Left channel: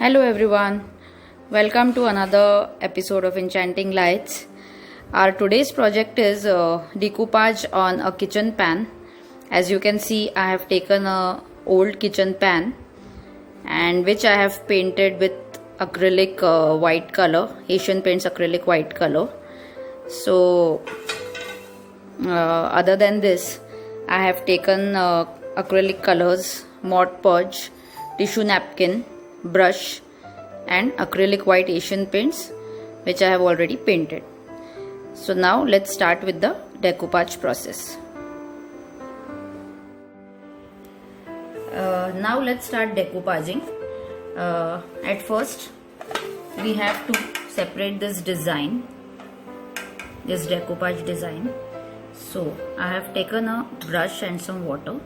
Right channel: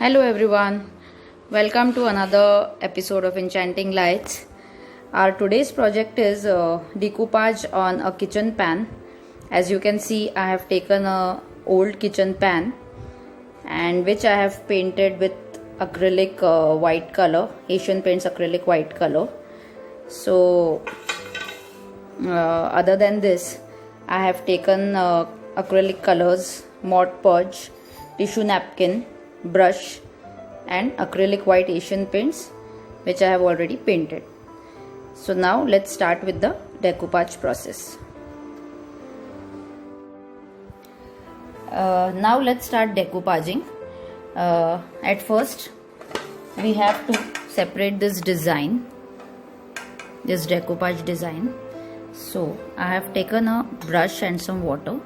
Hello everyone, welcome to another episode of Enchanting Lights. Our today's project is decoupage on a kitchen pan. As you can see, I have taken a old kitchen pan and which I have painted with acrylic white color, Asian Paints acrylic white color. So other than this, I have taken acrylic colors, Mod Podge, tissue napkin, brush and acrylic white Asian paints which I have already painted. So now let's start with the decoupage process. Now let's start decoupaging. At first we have to separate this design, this decoupage design. So I have taken a brush and some water.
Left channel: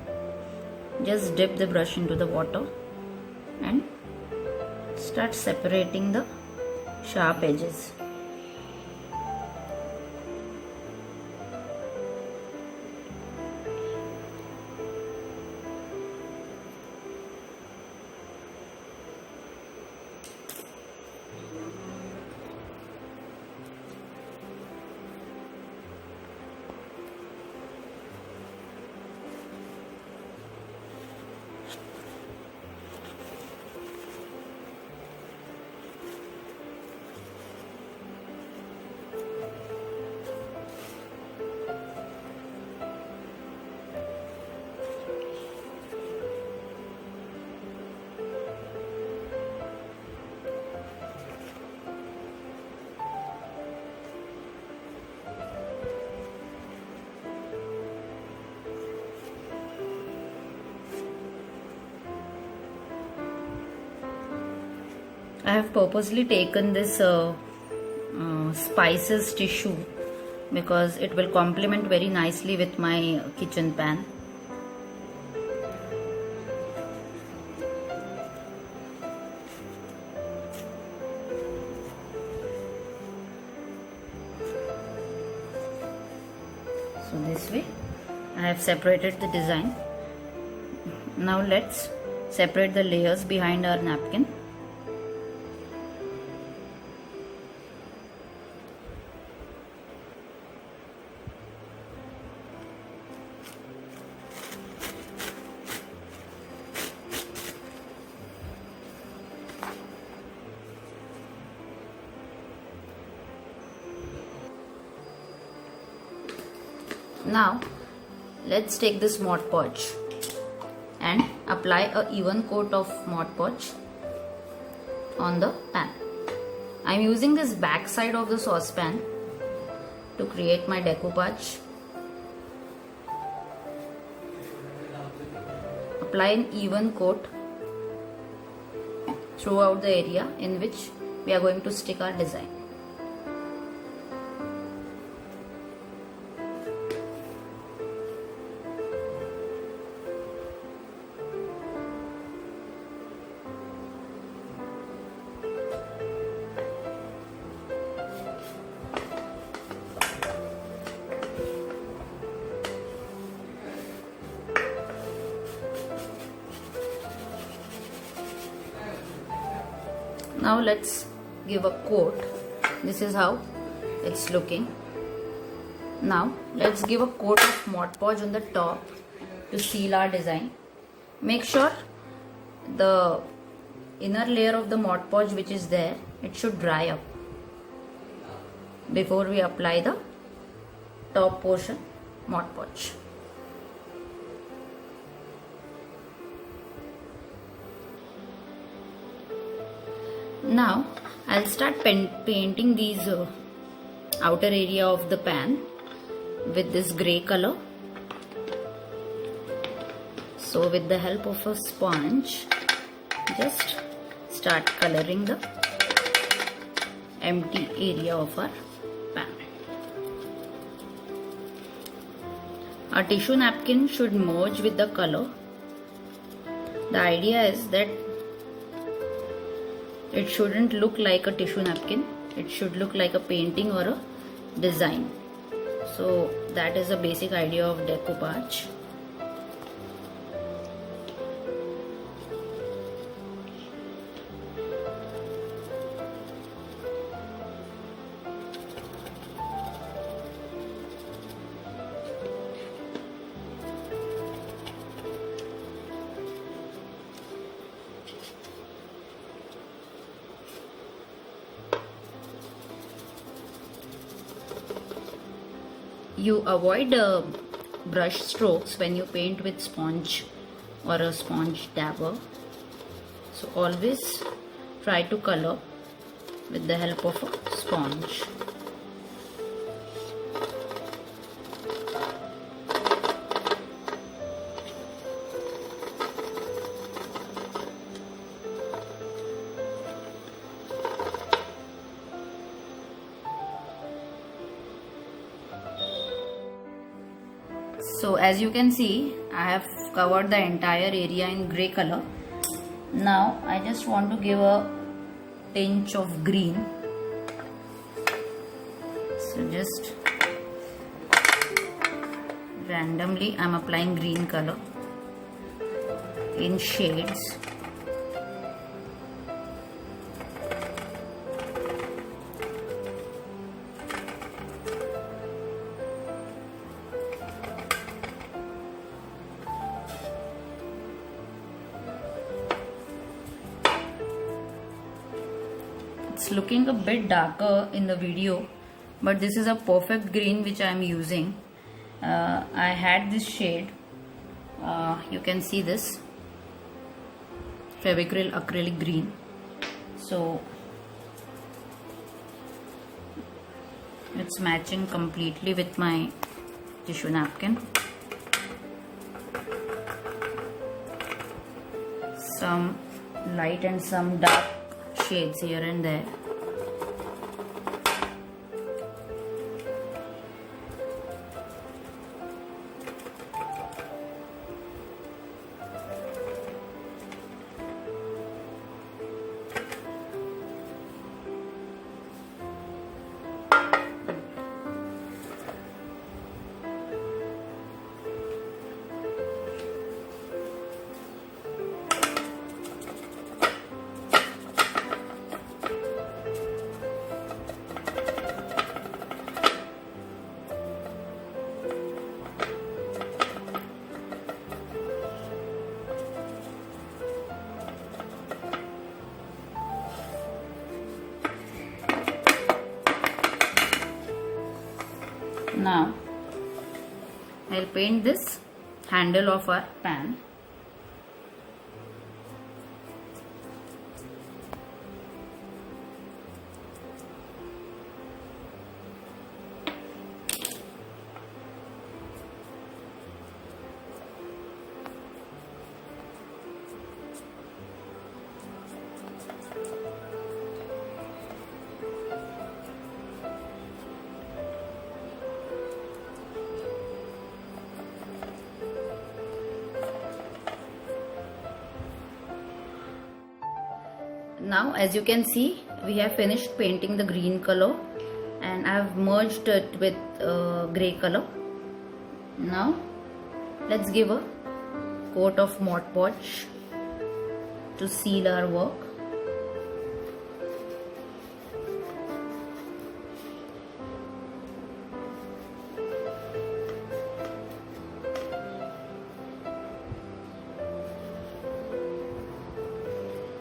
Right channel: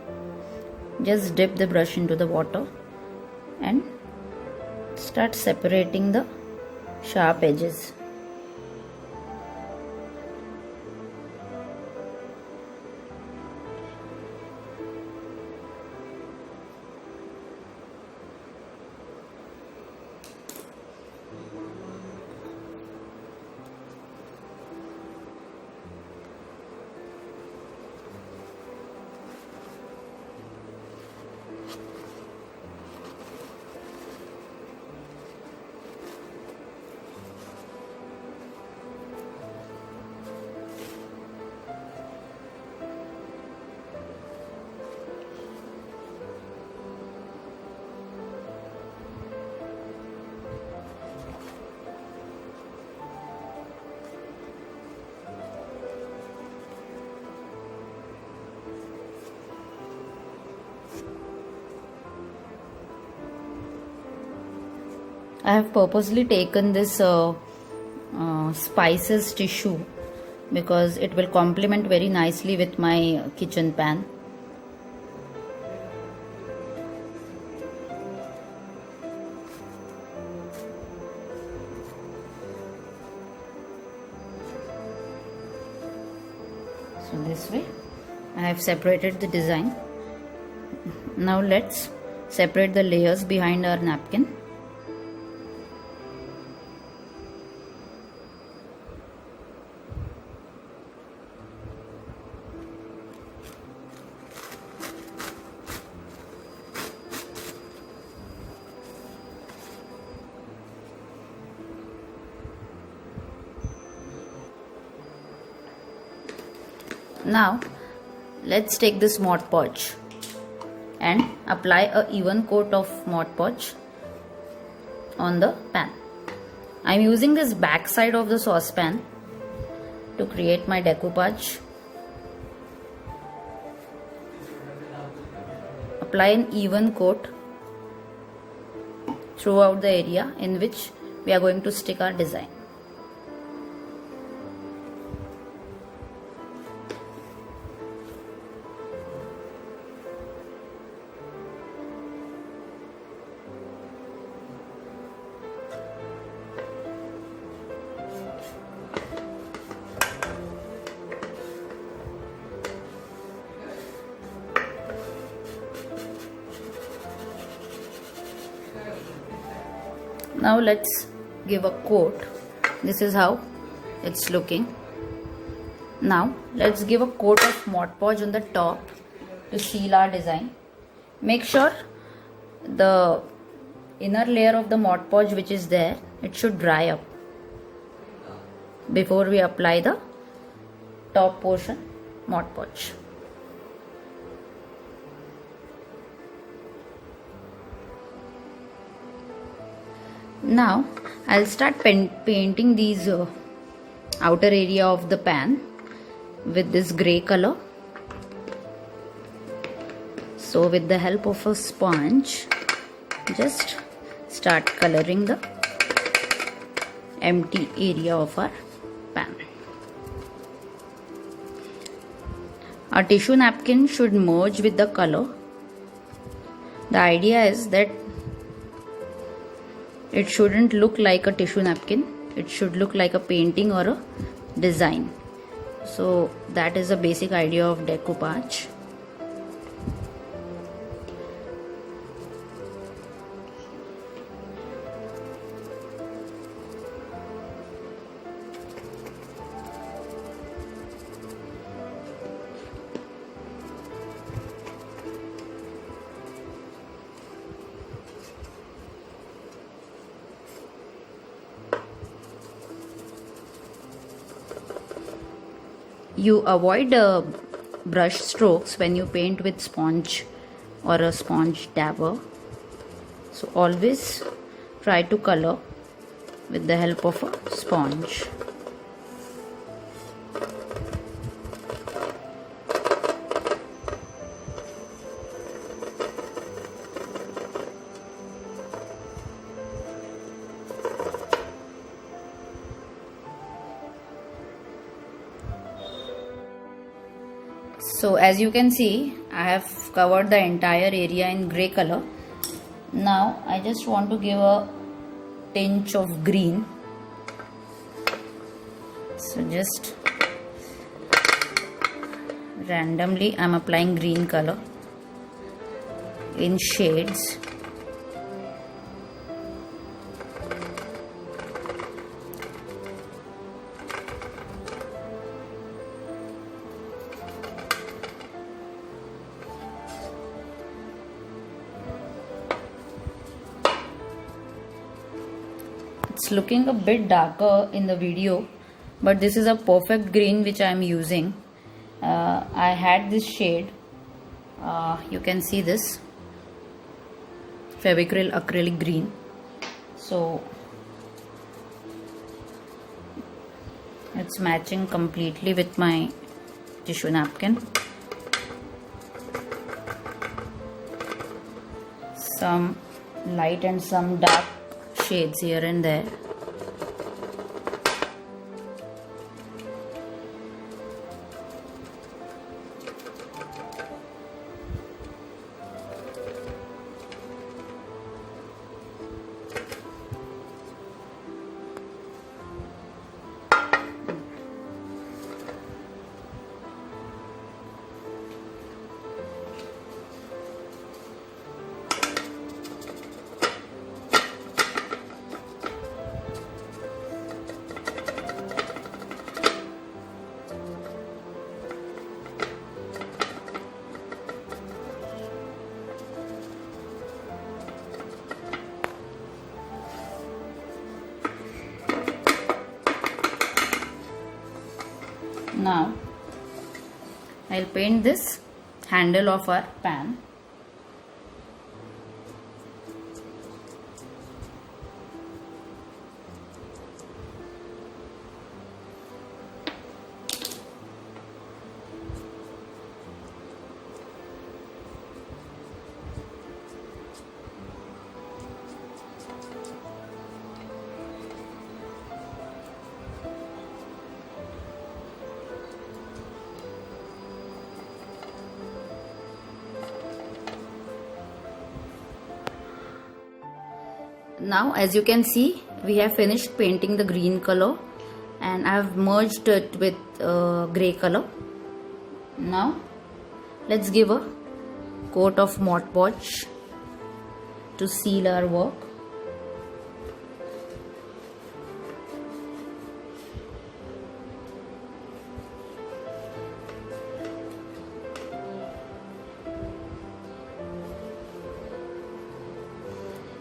Just dip the brush into the water and start separating the sharp edges. I have purposely taken this spices tissue because it will complement very nicely with my kitchen pan. So this way I have separated the design. Now let's separate the layers behind our napkin. Now let's take this Mod Podge and apply a even coat of Mod Podge on the pan. I am using this back side of the saucepan to create my decoupage. Apply an even coat throughout the area in which we are going to stick our design. Now let's give a coat. This is how it's looking. Now let's give a coat of Mod Podge on the top to seal our design. Make sure the inner layer of the Mod Podge which is there, it should dry up before we apply the top portion Mod Podge. Now I'll start painting these outer area of the pan with this grey color. So with the help of a sponge, just start coloring the empty area of our pan. Our tissue napkin should merge with the color. The idea is that it shouldn't look like a tissue napkin, it should look like a painting or a design. So that is the basic idea of decoupage. you avoid brush strokes when you paint with sponge or a sponge dabber. So always try to color with the help of a sponge. So as you can see, I have covered the entire area in grey color. Now I just want to give a tinge of green. So just randomly I'm applying green color in shades. It's looking a bit darker in the video, but this is a perfect green which I am using. I had this shade, you can see this Fevicryl acrylic green. So it's matching completely with my tissue napkin. Some light and some dark shades here and there. Now I'll paint this handle of our pan. Now as you can see, we have finished painting the green color and I have merged it with grey color. Now let's give a coat of Mod Podge to seal our work.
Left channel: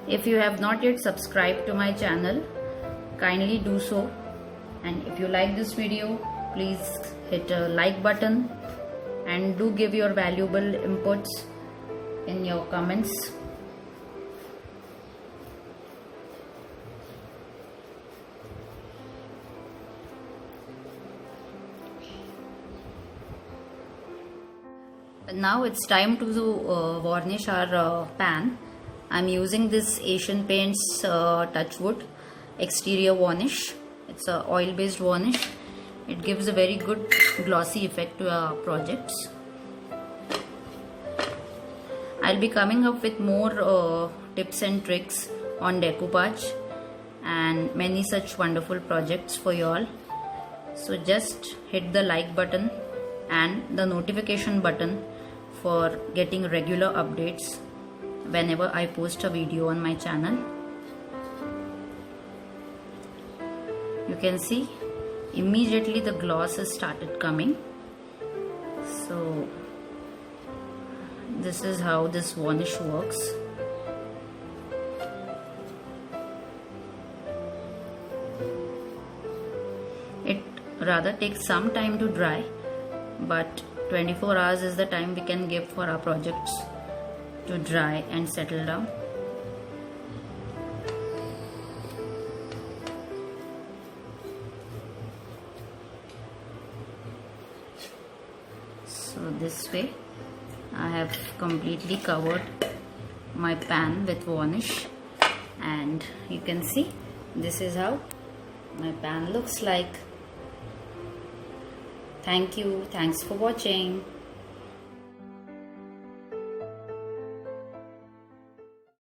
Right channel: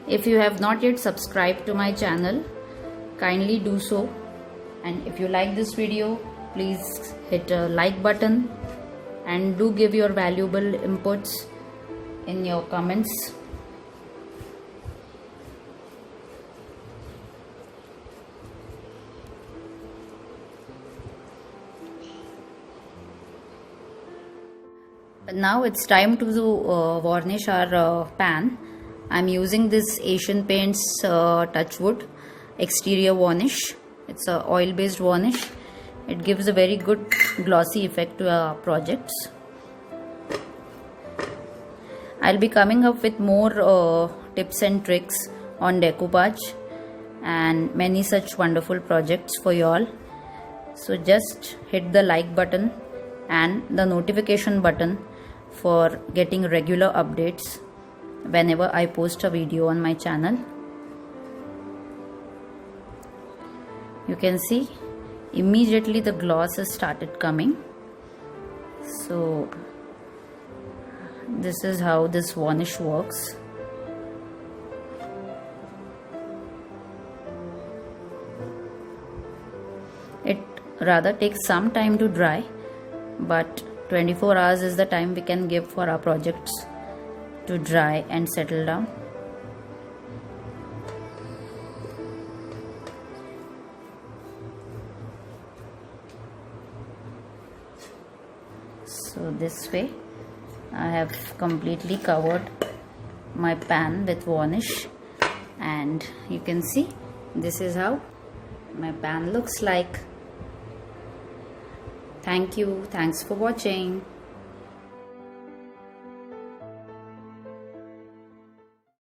If you have not yet subscribed to my channel, kindly do so, and if you like this video, please hit a like button and do give your valuable inputs in your comments. Now it's time to varnish our pan. I'm using this Asian Paints Touchwood exterior varnish. It's a oil based varnish. It gives a very good glossy effect to our projects. I'll be coming up with more tips and tricks on decoupage and many such wonderful projects for you all. So just hit the like button and the notification button for getting regular updates whenever I post a video on my channel. You can see immediately the gloss has started coming. So this is how this varnish works. It rather takes some time to dry, but 24 hours is the time we can give for our projects to dry and settle down. So this way I have completely covered my pan with varnish, and you can see this is how my pan looks like. Thank you. Thanks for watching.